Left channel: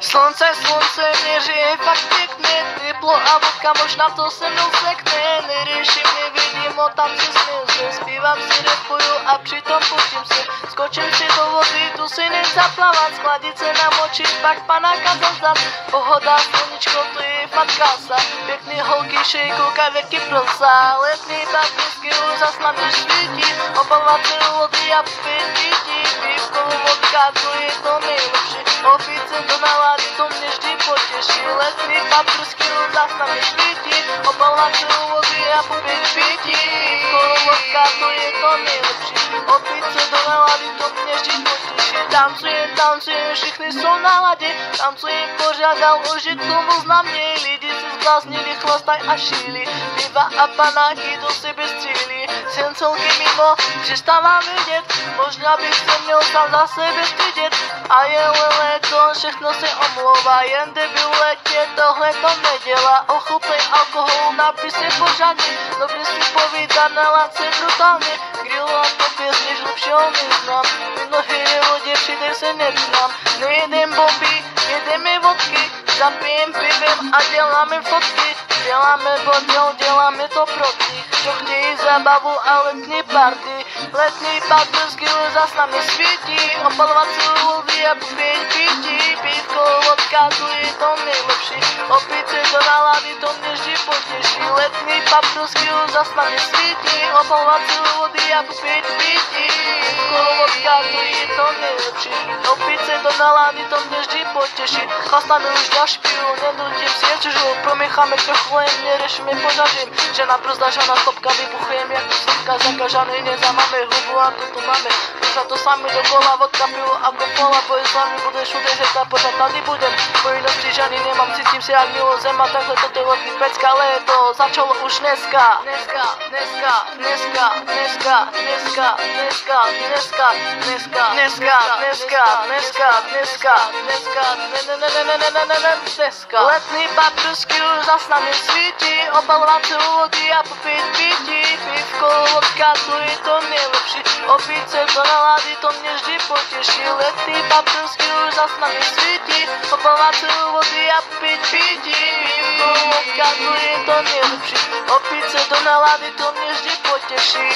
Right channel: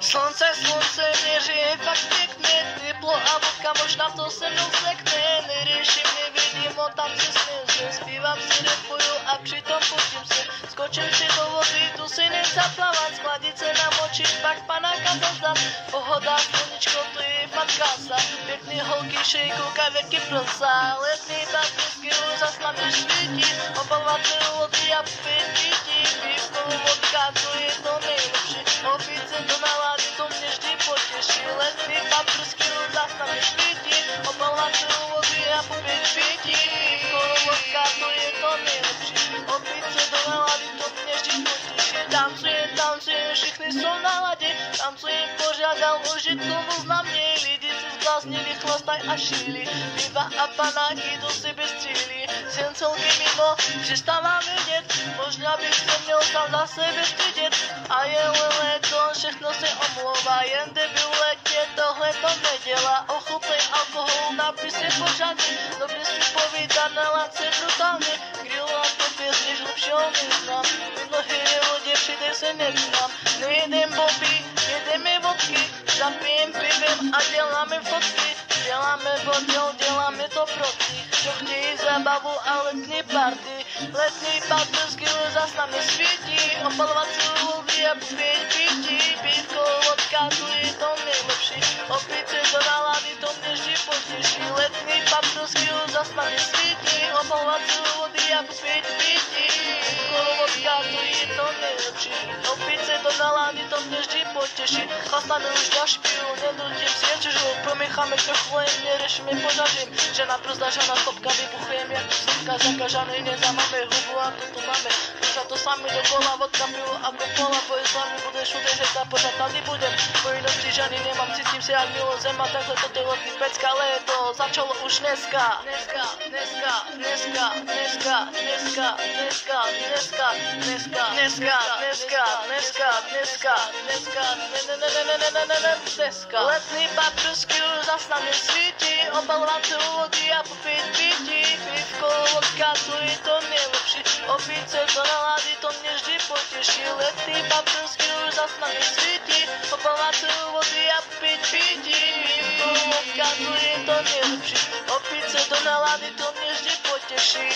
Slunce, mne žije fakt pěkně, teplo a vodka, možná to se mnou sekne, neriešim, nevidím, tam si směřím, zpívám si, repuju a přitom pustím se, skočím si do vody, tu si nezaplavat, schladit se namočit, pak panáka zazdat, pohoda, sluníčko, to je fakt krása, pěkný holky, šejku, kavěrky, prsa, letný baptisky, zas na mě svítí, obalovat se do vody a pít pití, pívko, vodka, to je to nejlepší, opít se do nálady, to mě vždy potěší, letný paprsky, zas na mě svítí, obalovat se do vody a popít pití, pívko, vodka, to je to nejlepší, opít se do nálady, to mě vždy potěší, tancujem, všichni jsou na ladě, tancujem, požádal užitku, na mě, lidi se zbláznili, chlastaj a šíli, piva a panáky do sebe střílí, sen celky mimo, přestávám vidět, možná bych se měl sám za sebe stydět, a je léto, všechno se omlouvá, jen debil letě, tohle to nedělá, ochutnej alkohol, napij se pořádně, dobře si povídat, nalad se brutálně, grilu a to pěsně, lepšího neznám, nohy je vodě, přidej se neznám, nejedem bomby, jedeme vodky, zapijem pivem a děláme fotky, děláme bordel, děláme to pro ty, čo chtějí zábavu a letní party, zas na mě svítí, opalovat si vody a popít pití, pívko, vodka, tu je to nejlepší, opít se do nálady, to mě vždy potěší, letní party, zas na mě svítí, opalovat si vody a popít pití, pívko, vodka, tu je to nejlepší, opít se do nálady, to mě vždy potěší, chlastáme už na špiju, nedržím si je čužu, promícháme trochu, jen neriešime požažím, žena brzda, žena stopka, vybuchujem jak tu sopka, zakažaný nezamáme hubu a tu máme, už to sami dokola, vodka, pivo a kopola, boj s vami budeš udržet a pořád tady budem, povinnosti ženy nemám, cítím se jak milo zem a takhle to je letný pecka, léto začalo už dneska, letný paprsky už zas na mě svítí, obalovat se vody a popít pití, pívko, vodka, to je to nejlepší, opít se do nálady, to mě vždy potěší, letný paprsky už zas na mě svítí, obalovat se vody a popít pití, pívko, vodka, to je to nejlepší, opít se do nálady, to mě vždy potěší.